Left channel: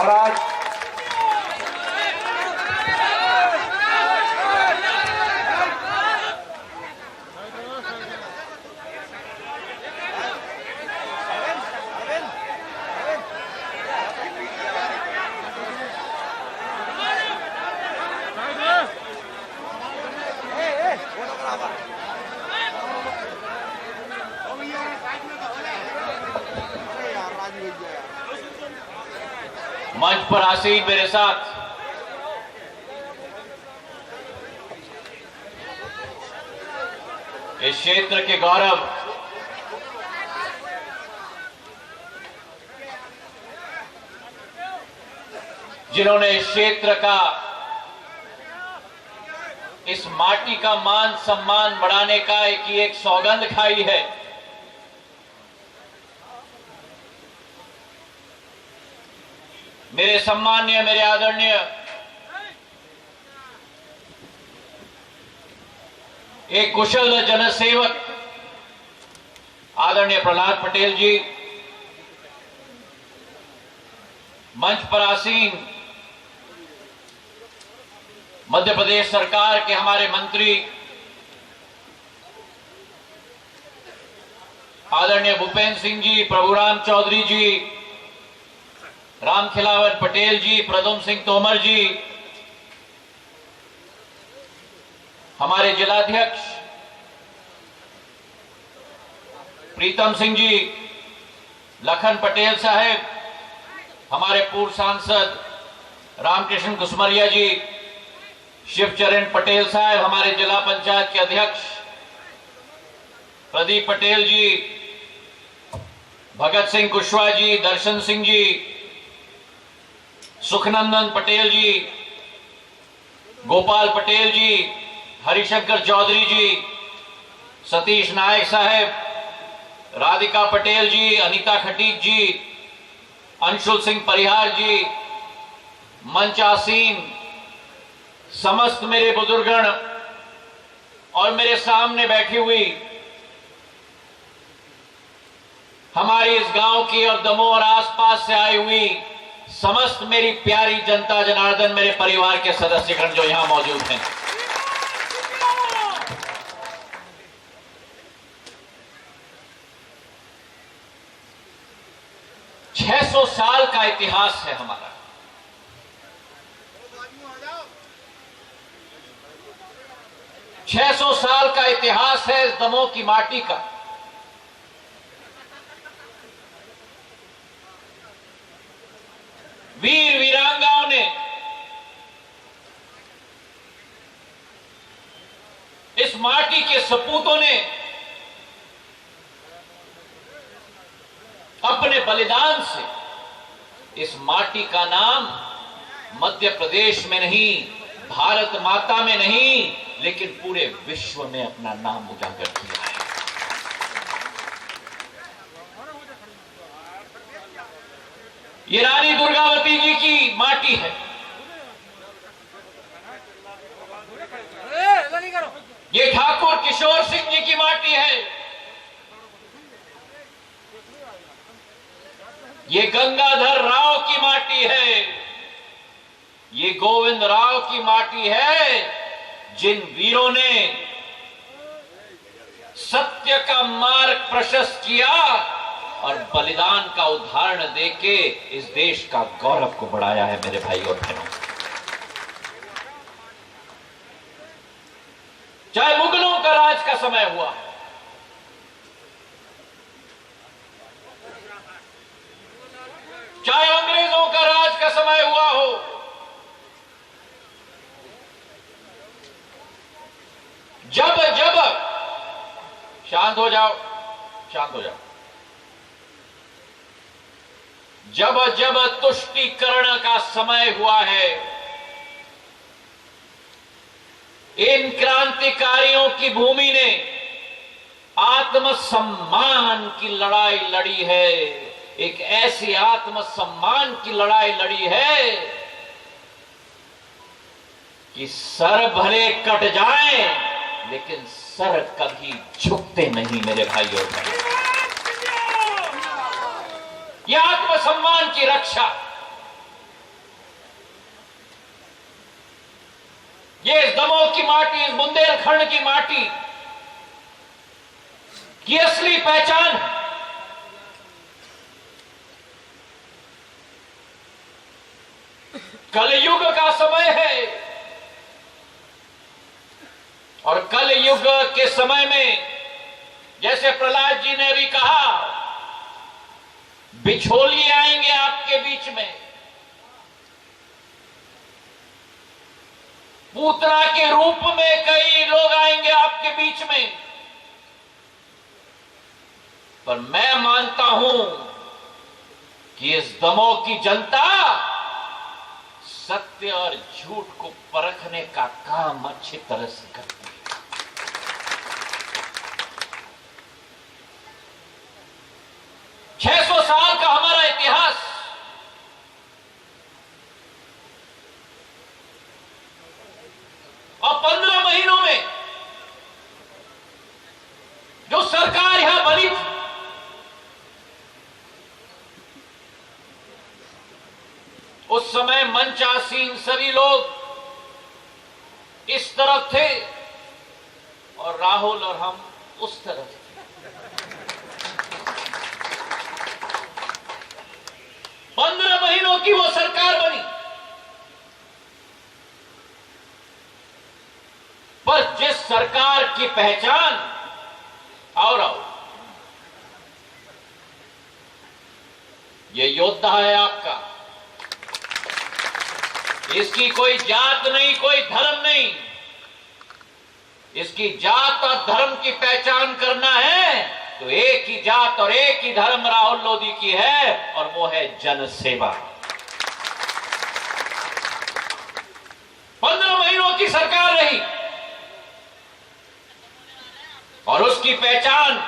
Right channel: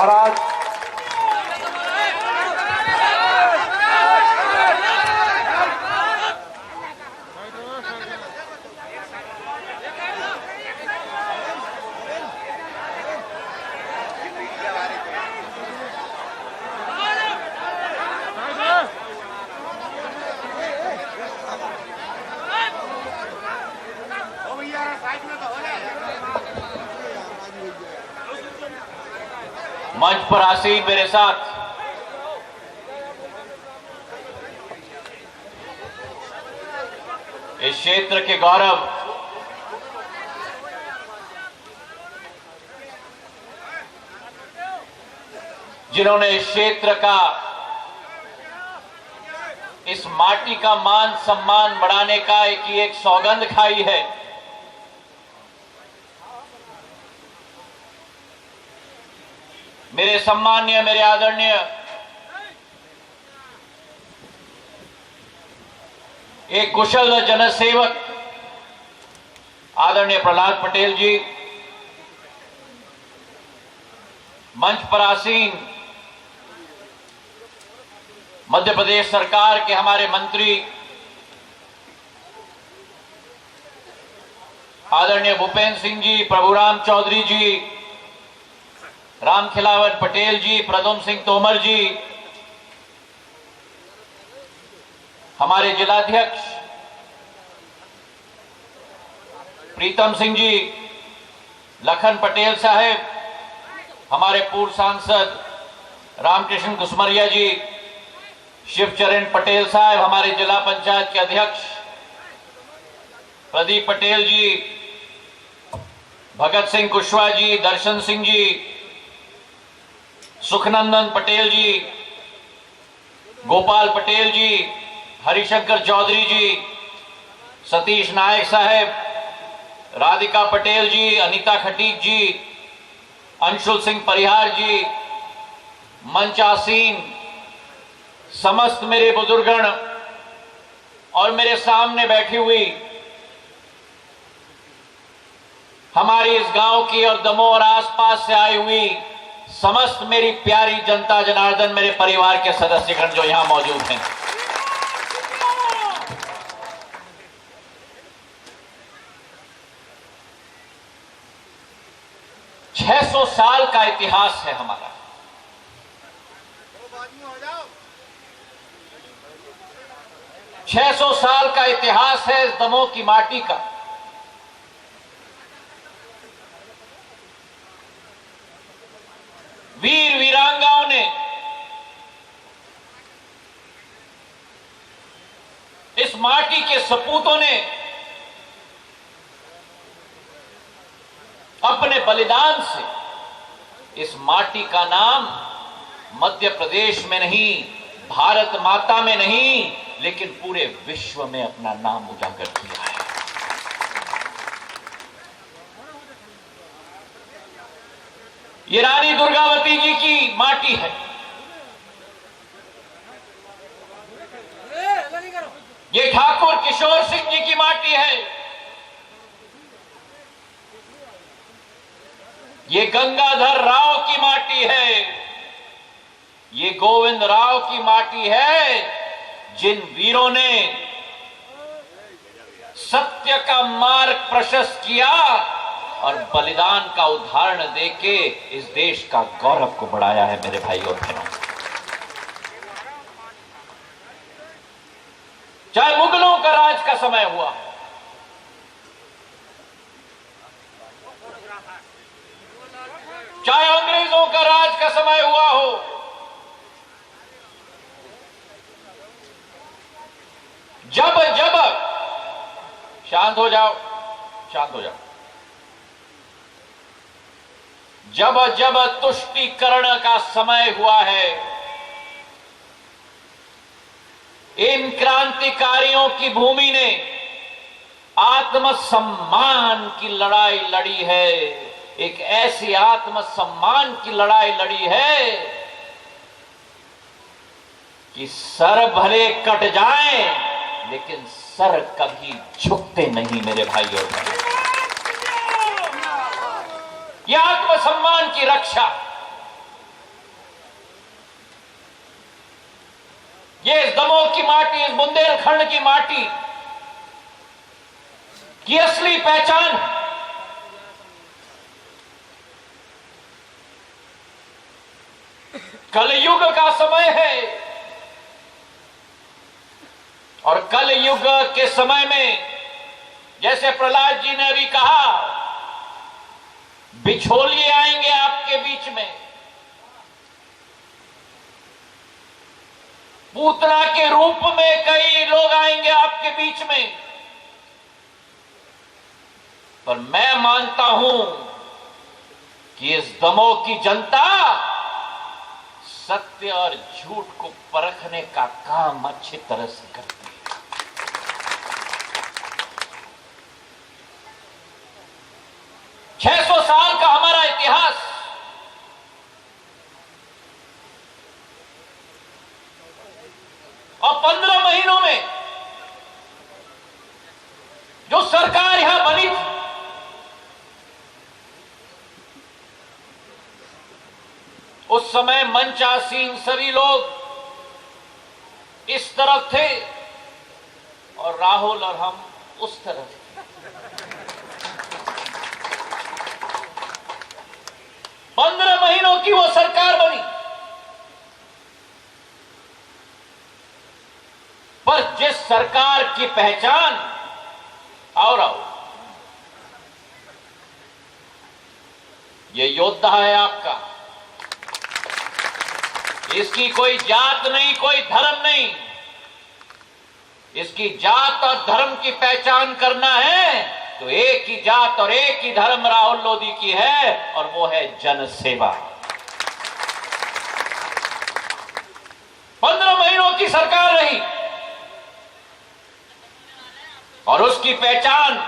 और आज मंच पर आसीन मेरे साथ इस क्षेत्र के गौरव जिन्होंने इस क्षेत्र का, इस माटी का मान सम्मान बढ़ाने का एक सौगंध खाई है, मेरे सम्मान्य, मेरे आदरणीय एक कुशल जनसेवक आदरणीय प्रहलाद पटेल जी, मंच पर आसीन मध्य प्रदेश सरकार के हमारे मंत्री आदरणीय भूपेंद्र सिंह जी, प्रभुराम चौधरी जी, रामखिलावन पटेल जी, प्रद्युम्न सिंह तोमर जी, हमारे जिलाध्यक्ष प्रीतम सिंह जी, लखन पटेल साहब, हमारे पूर्व सांसद रामकृष्ण कुसमरिया जी, शिवचरण पटेल साहब, हमारे जिला पंचायत के अध्यक्ष प्रदीप पटेल जी, भगत सिंह कुशवाहा जी, दर्शन सिंह जी, सुखनंदन पटेल जी, गोपाल पटेल जी, हरिशंकर चौधरी जी, सतीश नायक साहब, राधिका पटेल जी, अनीता खटीक जी, अंशुल सिंह परिहार जी, मंच आसीन समस्त मेरे बुजुर्गण और मेरे सामने बैठी हुई हमारी इस गांव की और दमोह और आसपास से आई हुई समस्त मेरी प्यारी जनता जनार्दन, मेरे परिवार के सदस्यगण जो यहां मौजूद हैं, छह 600 साल का इतिहास है हमारा। 600 साल का इतिहास है इस दमोह की माटी का। वीर वीरांगाओं ने इस माटी के सपूतों ने अपने बलिदान से इस माटी का नाम मध्य प्रदेश में नहीं, भारत माता में नहीं, लेकिन पूरे विश्व में अपना नाम उजागर किया है। ये रानी दुर्गावती जी की माटी है, ये ठाकुर किशोर सिंह जी की माटी है, ये गंगाधर राव की माटी है, ये गोविंद राव की माटी है, जिन वीरों ने सत्य का मार्ग प्रशस्त किया और बलिदान का उदाहरण देके इस देश का गौरव को बढ़ाया है। मेरे भाई और बहनों, चाहे मुगलों का राज का समय हुआ, चाहे अंग्रेजों का राज का समय हुआ हो, जब जब शांत हो जाओ, शांत हो जाओ, जब जब तुष्टीकरण का समय हुआ है, इन क्रांतिकारियों की भूमि ने आत्मसम्मान की लड़ाई लड़ी है। एक ऐसी आत्मसम्मान की लड़ाई लड़ी है कि सर भले कट जाएं, लेकिन सर कभी झुकते नहीं। मेरे भाई और बहनों, यह आत्मसम्मान की रक्षा, ये इस दमोह की माटी, इस बुंदेलखंड की माटी की असली पहचान। कलयुग का समय है और कलयुग के समय में जैसे प्रहलाद जी ने अभी कहा, बिछोलिए आएंगे आपके बीच में, पूतना के रूप में कई लोग आएंगे आपके बीच में। पर मैं मानता हूं कि इस दमोह की जनता सत्य और झूठ को परखने का काम अच्छी तरह से करती है। छह 600 साल का हमारा इतिहास, और 15 महीनों में जो सरकार यहां बनी थी, उस समय मंचासीन सभी लोग इस तरफ थे और राहुल और हम उस तरफ थे। पंद्रह महीनों की वो सरकार बनी, पर जिस सरकार की पहचान और ये योद्धा है आपका, इसकी कोई जात नहीं, कोई धर्म नहीं, इसकी जात और धर्म की पहचान करना है तो एक ही जात और एक ही धर्म राहुल लोधी की है, और वो है जन सेवा। 15 महीनों की सरकार रही और उसकी पहचान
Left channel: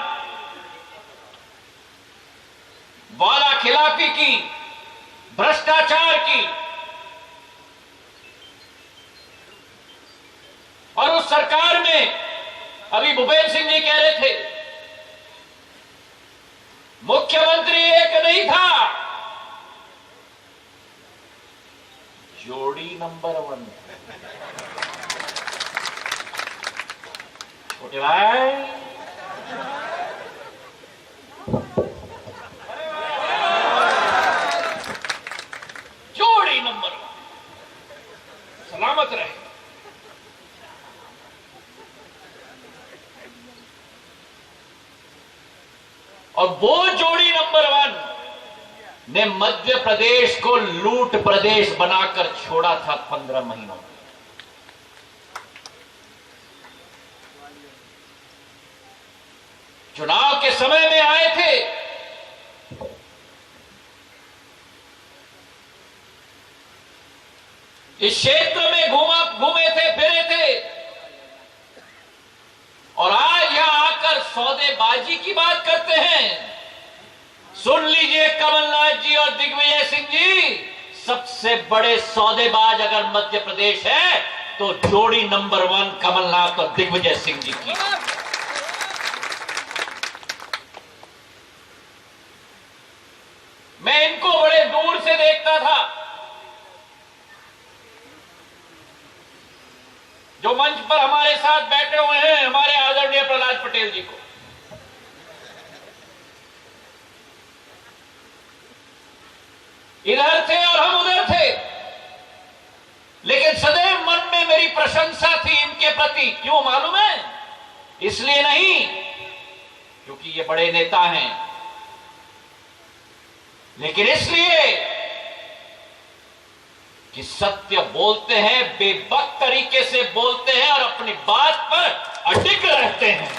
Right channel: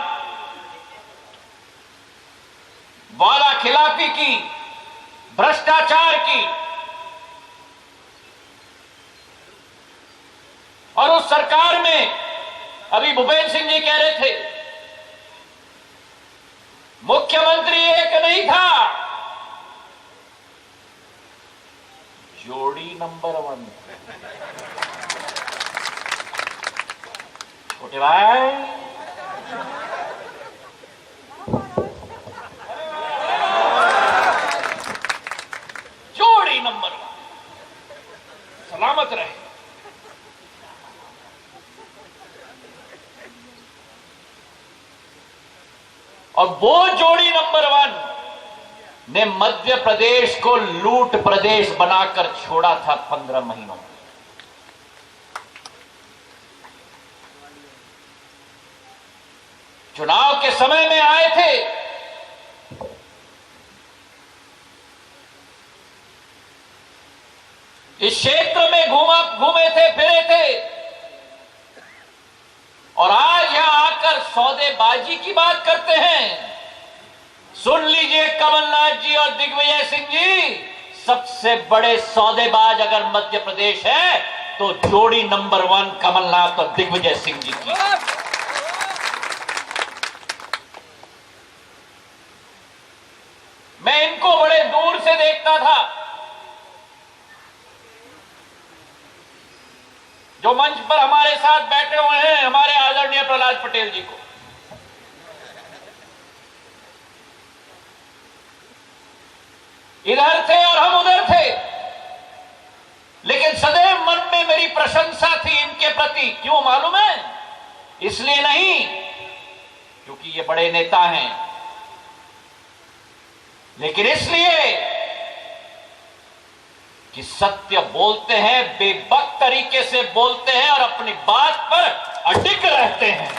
वादा खिलाफी की, भ्रष्टाचार की, और उस सरकार में अभी भूपेंद्र सिंह जी कह रहे थे मुख्यमंत्री एक नहीं था, जोड़ी नंबर 1। छोटे भाई, जोड़ी नंबर 1, सलामत रहे। और वो जोड़ी नंबर 1 ने मध्य प्रदेश को लूट प्रदेश बनाकर छोड़ा था 15 महीनों में। चुनाव के समय में आए थे, इस क्षेत्र में घूमे थे, फिरे थे, और आज यहां आकर सौदेबाजी की बात करते हैं। सुन लीजिए कमलनाथ जी और दिग्विजय सिंह जी, सबसे बड़े सौदेबाज अगर मध्य प्रदेश है तो जोड़ी नंबर 1 कमलनाथ और दिग्विजय सिंह जी की। मैं इनको बड़े दूर से देखता था, जो मंच पर हमारे साथ बैठे हुए हैं, हमारे आदरणीय प्रहलाद पटेल जी को। इधर थे और हम उधर थे, लेकिन सदैव मन में मेरी प्रशंसा थी इनके प्रति। क्यों मालूम है? इसलिए नहीं क्योंकि ये बड़े नेता हैं, लेकिन इसलिए कि सत्य बोलते हैं, बेबाक तरीके से बोलते हैं और अपनी बात पर अडिग रहते हैं।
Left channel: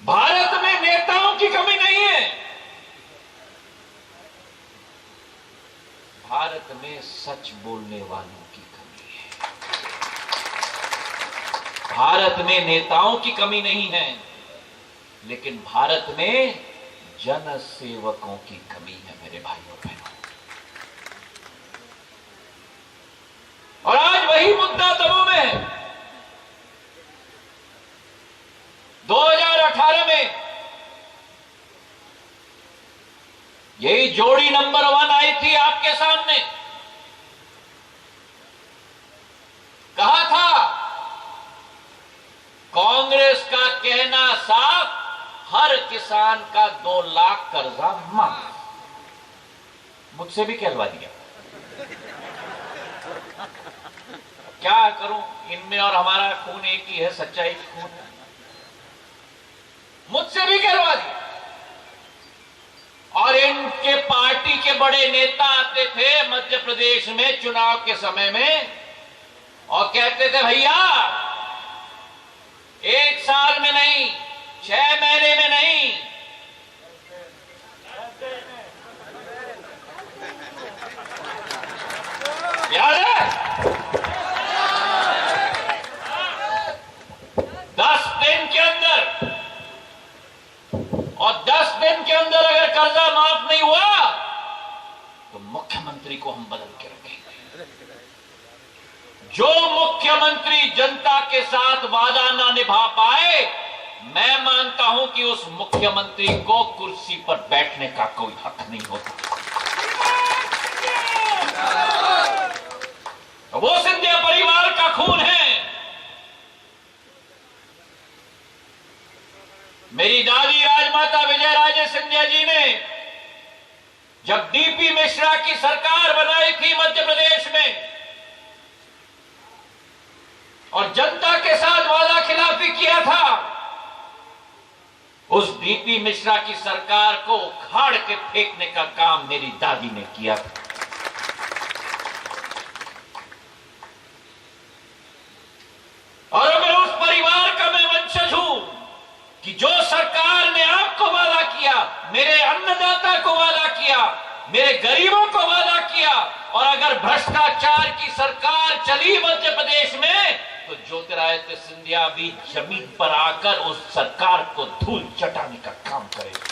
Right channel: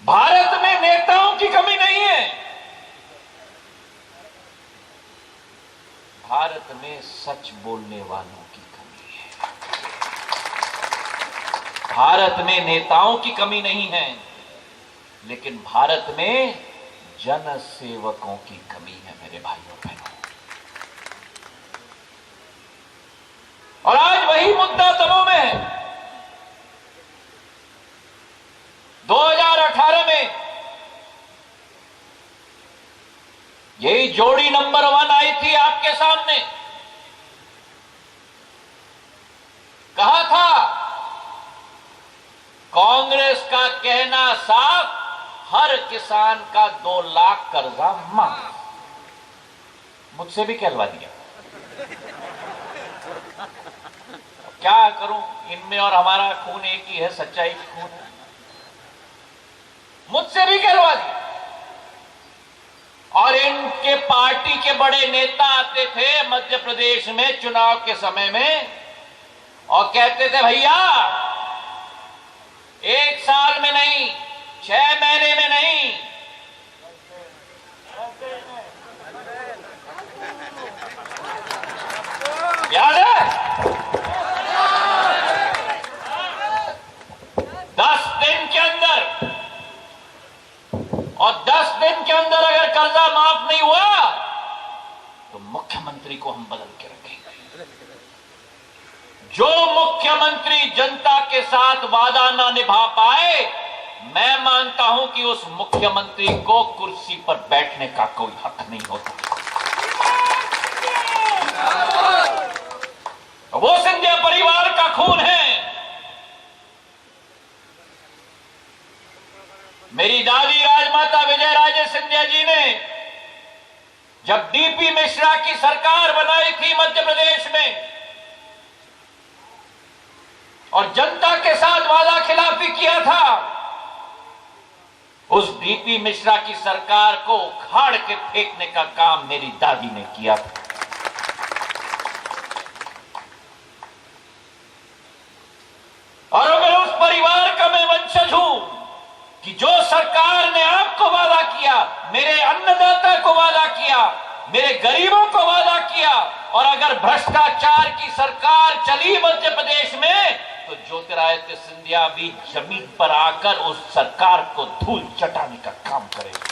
भारत में नेताओं की कमी नहीं है, भारत में सच बोलने वालों की कमी है। भारत में नेताओं की कमी नहीं है, लेकिन भारत में जन सेवकों की कमी है मेरे भाइयों बहनों। और आज वही मुद्दा दमोह में है। 2018 में यही जोड़ी नंबर 1 आई थी आपके सामने, कहा था कांग्रेस का कहना साफ, हर किसान का 2 लाख कर्जा माफ। मुझसे भी कहलवा दिया। क्या करूं, इनमें और हमारा खून एक ही है, सच्चाई की खून है। मुझसे भी कहलवा दिया। और इनके पार्टी के बड़े नेता आते थे मध्य प्रदेश में चुनाव के समय में और कहते थे भैया 1 साल में नहीं, 6 महीने में नहीं, याद है, 10 दिन के अंदर, और 10 दिन के अंदर अगर कर्जा माफ नहीं हुआ तो मुख्यमंत्री को हम बदल के रखेंगे। जो मुख्यमंत्री जनता के साथ वादा ना निभा पाए, मैं मानता हूं कि उस मुख्यमंत्री को कुर्सी पर बैठने का कोई हक नहीं होता। वो सिंधिया परिवार का खून है। मेरी दादी राजमाता विजयराजे सिंधिया जी ने जब डीपी मिश्रा की सरकार बनाई थी मध्य प्रदेश में और जनता के साथ वादा खिलाफी किया था, उस डीपी मिश्रा की सरकार को उखाड़ के फेंकने का काम मेरी दादी ने किया था। और अगर उस परिवार का मैं वंशज हूं कि जो सरकार ने आपको वादा किया, मेरे अन्नदाता को वादा किया, मेरे गरीबों को वादा किया, और अगर भ्रष्टाचार की सरकार चली मध्य प्रदेश में तो ज्योतिरादित्य सिंधिया भी जमीन पर आकर उस सरकार को धूल चटाने का काम करेगा।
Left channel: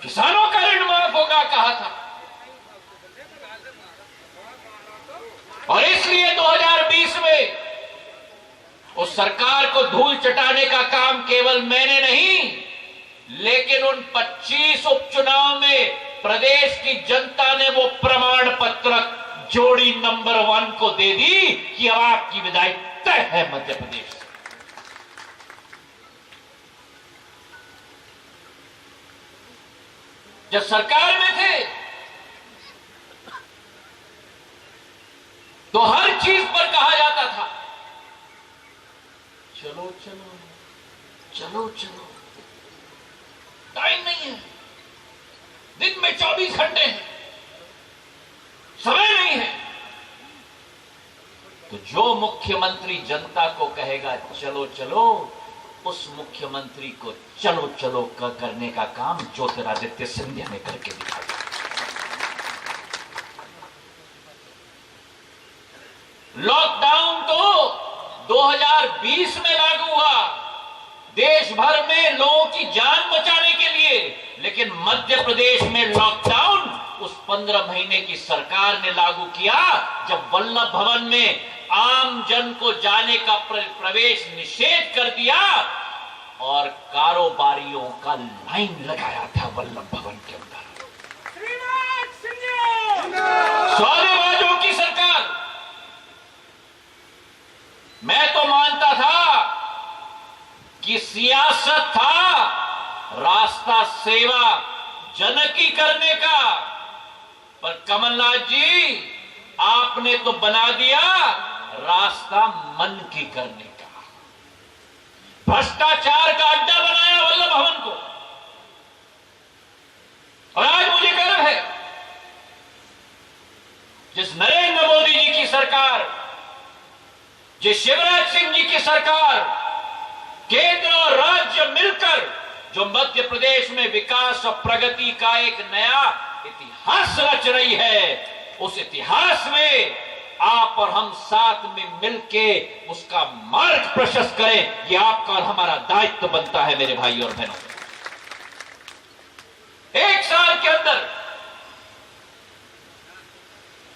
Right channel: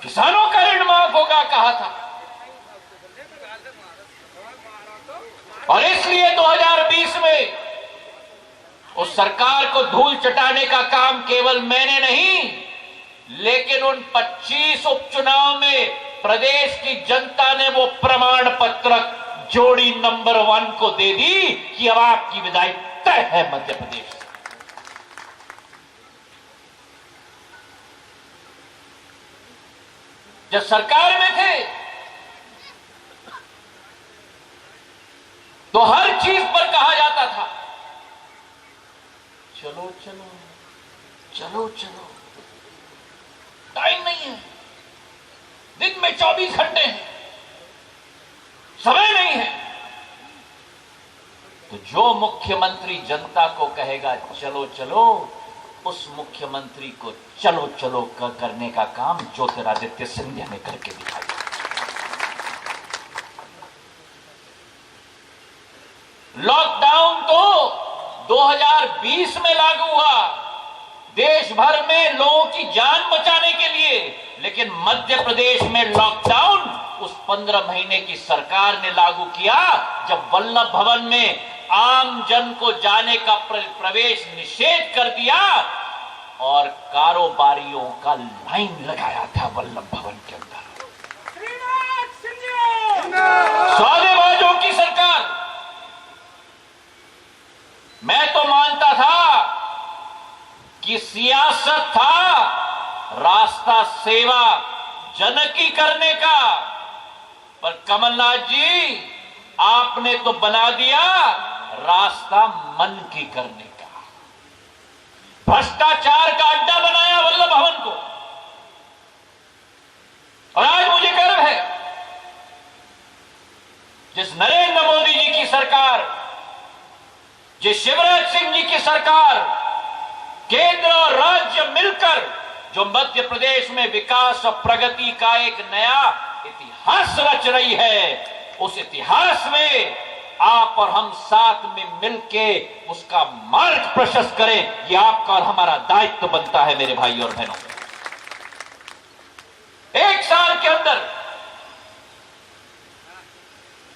किसानों का ऋण माफ होगा कहा था, और इसलिए 2020 में उस सरकार को धूल चटाने का काम केवल मैंने नहीं, लेकिन उन 25 उपचुनाव में प्रदेश की जनता ने वो प्रमाण पत्र जोड़ी नंबर 1 को दे दी कि अब आपकी विदाई तय है मध्य प्रदेश से। जब सरकार में थे तो हर चीज पर कहा जाता था चलो चलो चलो चलो, टाइम नहीं है, दिन में 24 घंटे हैं, समय नहीं है। तो जो मुख्यमंत्री जनता को कहेगा चलो चलो, उस मुख्यमंत्री को चलो चलो करने का काम ज्योतिरादित्य सिंधिया ने करके दिखाया। लॉकडाउन तो 2020 में लागू हुआ देश भर में लोगों की जान बचाने के लिए, लेकिन मध्य प्रदेश में लॉकडाउन उस 15 महीने की सरकार ने लागू किया जब वल्लभ भवन में आम जन को जाने का प्रवेश निषेध कर दिया और कारोबारियों का लाइन लगाया था वल्लभ भवन के अंदर। सौदेबाजों की सरकार। मैं तो मानता था कि सियासत था रास्ता सेवा जन की करने का, पर कमलनाथ जी आपने तो बना दिया रास्ता मन की करने का। भ्रष्टाचार का अड्डा बनाया वल्लभ भवन को। और आज मुझे गर्व है जिस नरेंद्र मोदी जी की सरकार, जिस शिवराज सिंह जी की सरकार, केंद्र और राज्य मिलकर जो मध्य प्रदेश में विकास और प्रगति का एक नया इतिहास रच रही है, उस इतिहास में आप और हम साथ में मिलके उसका मार्ग प्रशस्त करें। ये आपका और हमारा दायित्व बनता है मेरे भाई और बहनों। 1 साल के अंदर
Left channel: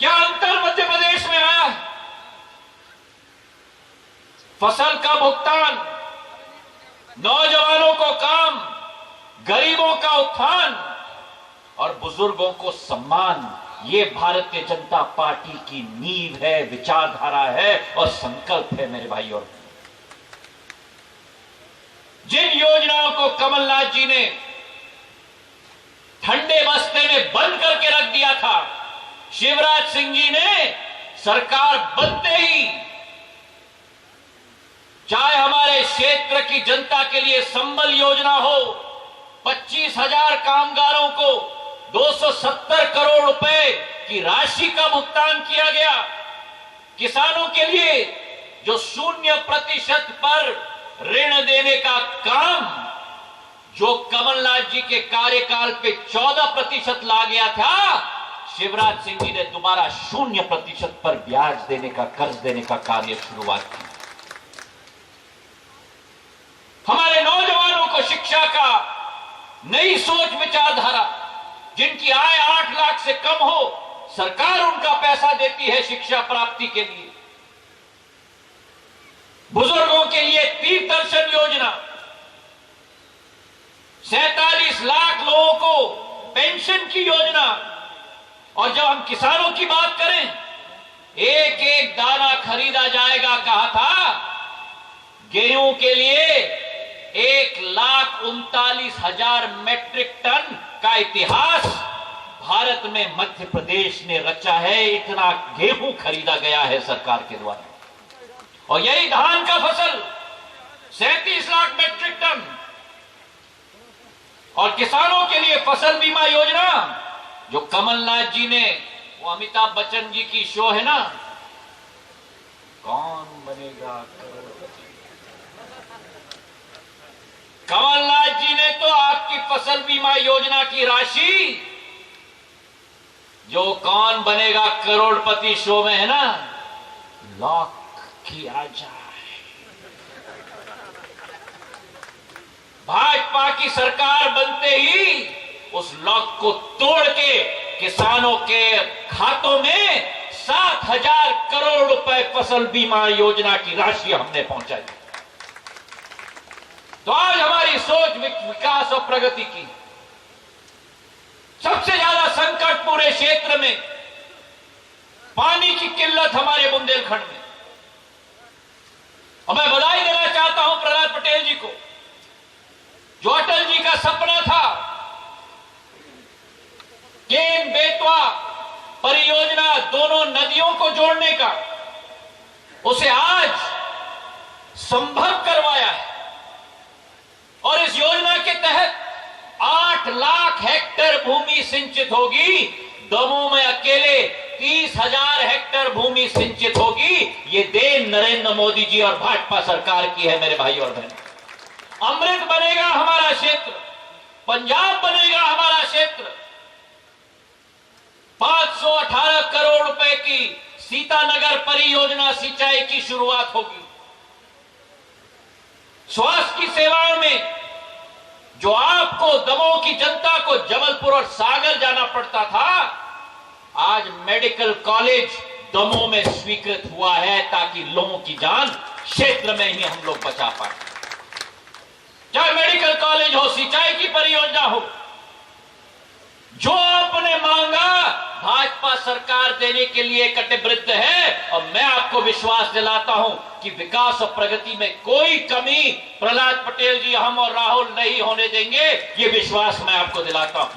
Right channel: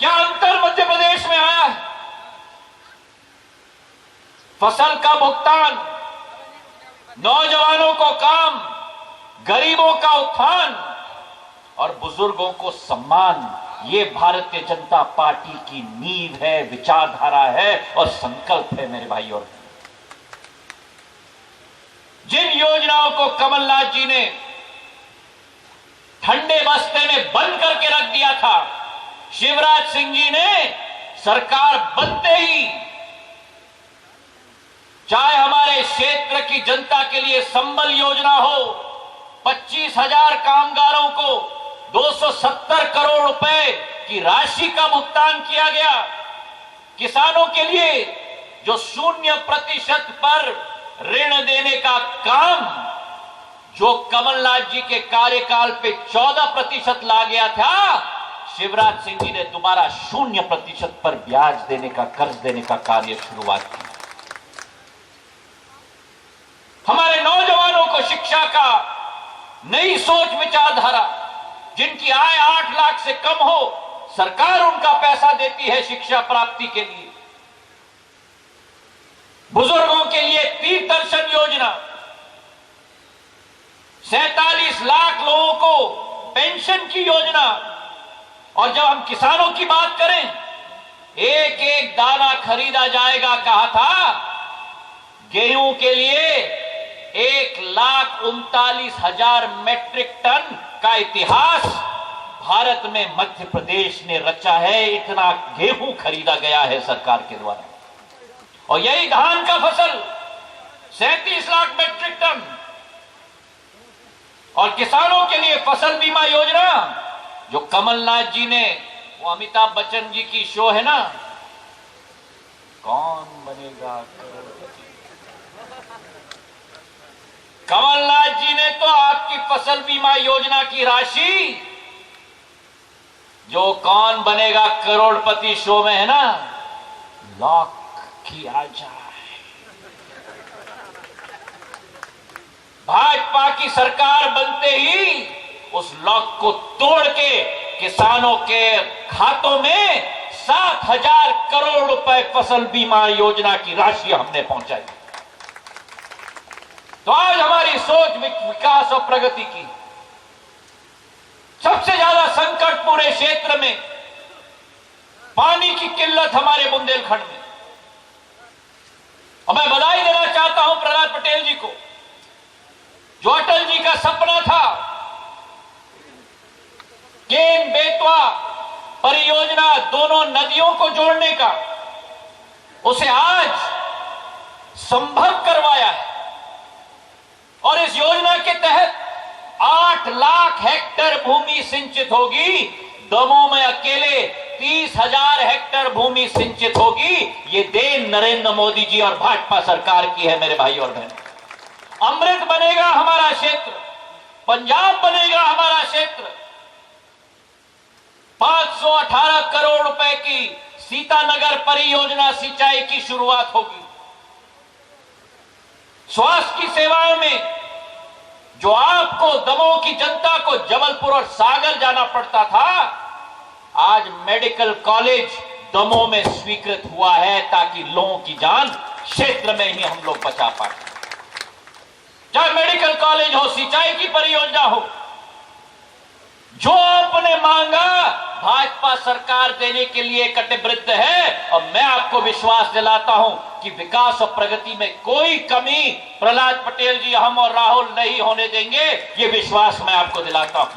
क्या अंतर मध्य प्रदेश में आया है? फसल का भुगतान, नौजवानों को काम, गरीबों का उत्थान, और बुजुर्गों को सम्मान, ये भारतीय जनता पार्टी की नींव है, विचारधारा है और संकल्प है मेरे भाई। और जिन योजनाओं को कमलनाथ जी ने ठंडे बस्ते में बंद करके रख दिया था, शिवराज सिंह जी ने सरकार बनते ही, चाहे हमारे क्षेत्र की जनता के लिए संबल योजना हो, 25,000 कामगारों को 270 करोड़ रुपए की राशि का भुगतान किया गया, किसानों के लिए जो 0% पर ऋण देने का काम जो कमलनाथ जी के कार्यकाल पे 14% ला गया था, शिवराज सिंह जी ने दोबारा 0% पर ब्याज देने का, कर्ज देने का कार्य शुरुआत की। हमारे नौजवानों को शिक्षा का नई सोच विचारधारा, जिनकी आय 8 लाख से कम हो, सरकार उनका पैसा देती है शिक्षा प्राप्ति के लिए। बुजुर्गों के लिए तीर्थ दर्शन योजना, 47 लाख लोगों को पेंशन की योजना। और जब हम किसानों की बात करें, एक एक दाना खरीदा जाएगा कहा था, गेहूं के लिए 1,39,000 मैट्रिक टन का इतिहास भारत में मध्य प्रदेश ने रचा है। इतना गेहूं खरीदा गया है सरकार के द्वारा। और यही धान का फसल 37 लाख मैट्रिक टन। और किसानों के लिए फसल बीमा योजना जो कमलनाथ जी ने, वो अमिताभ बच्चन जी की शो है ना, कौन बनेगा करोड़पति, कमलनाथ जी ने तो आपकी फसल बीमा योजना की राशि जो कौन बनेगा करोड़पति शो में है ना, लॉक किया जाए। भाजपा की सरकार बनते ही उस लॉक को तोड़ के किसानों के खातों में 7,000 करोड़ रुपए फसल बीमा योजना की राशि हमने पहुंचाई। तो आज हमारी सोच विकास और प्रगति की। सबसे ज्यादा संकट पूरे क्षेत्र में पानी की किल्लत हमारे बुंदेलखंड में। और मैं बधाई देना चाहता हूं प्रहलाद पटेल जी को, जो अटल जी का सपना था केन बेतवा परियोजना, दोनों नदियों को जोड़ने का, उसे आज संभव करवाया है। और इस योजना के तहत 8 लाख हेक्टेयर भूमि सिंचित होगी। दमोह में अकेले 30,000 हेक्टेयर भूमि सिंचित होगी। ये देन नरेंद्र मोदी जी और भाजपा सरकार की है मेरे भाई और बहन। अमृत बनेगा हमारा क्षेत्र, पंजाब बनेगा हमारा क्षेत्र। 518 करोड़ रुपए की सीतानगर परियोजना सिंचाई की शुरुआत होगी। स्वास्थ्य की सेवाओं में जो आपको, दमोह की जनता को जबलपुर और सागर जाना पड़ता था, आज मेडिकल कॉलेज दमोह में स्वीकृत हुआ है, ताकि लोगों की जान क्षेत्र में ही हम लोग बचा पाए। चाहे मेडिकल कॉलेज हो, सिंचाई की परियोजना हो, जो आपने मांगा भाजपा सरकार देने के लिए कटिबद्ध है। और मैं आपको विश्वास दिलाता हूं कि विकास और प्रगति में कोई कमी प्रहलाद पटेल जी, हम और राहुल नहीं होने देंगे। ये विश्वास मैं आपको दिलाता हूं।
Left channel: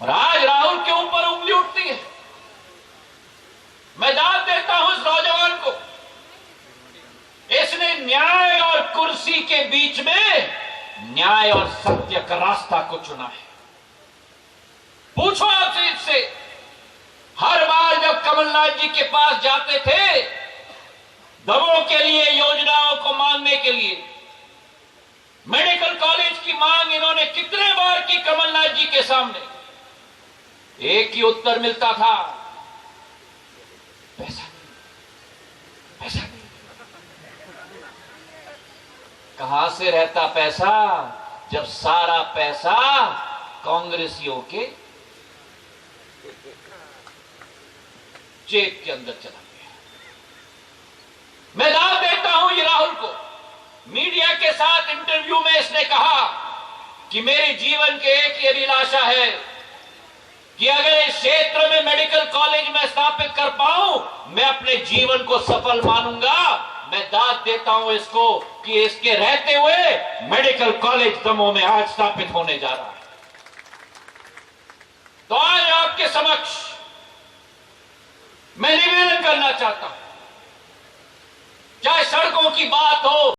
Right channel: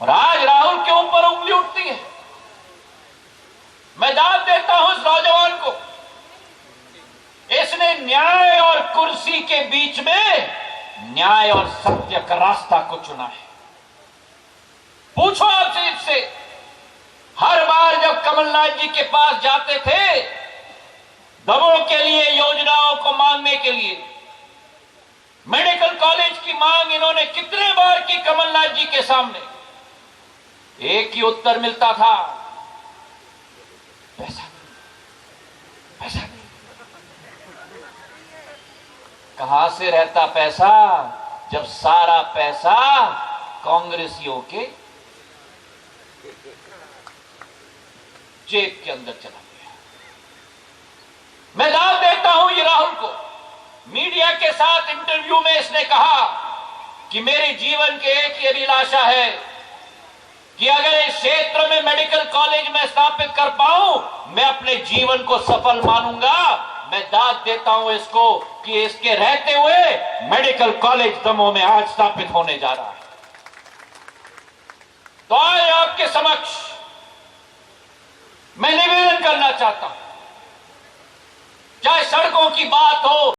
और आज राहुल के ऊपर उंगली उठती है। मैं दाद देता हूं इस नौजवान को, इसने न्याय और कुर्सी के बीच में न्याय और सत्य का रास्ता को चुना है। पूछो आपसे इससे, हर बार जब कमलनाथ जी के पास जाते थे दमोह के लिए योजनाओं को मांगने के लिए, मेडिकल कॉलेज की मांग इन्होंने कितने बार की कमलनाथ जी के सामने, एक ही उत्तर मिलता था, पैसा नहीं, पैसा नहीं। कहां से रहता पैसा, जब सारा पैसा कांग्रेसियों के जेब के अंदर चला गया। मैं दाव देता हूं ये राहुल को। मीडिया के साथ इंटरव्यू में इसने कहा कि मेरे जीवन की एक ही अभिलाषा है कि अगर इस क्षेत्र में मेडिकल कॉलेज में स्थापित कर पाऊं, मैं अपने जीवन को सफल मानूंगा। मैं दाद देता हूं इसको कि इसके रहते हुए मेडिकल कॉलेज दमोह में आज स्थापित होने जा रहा है। तो आज आपके समक्ष मैं निवेदन करना चाहता हूं, चाहे सड़कों की बात हो,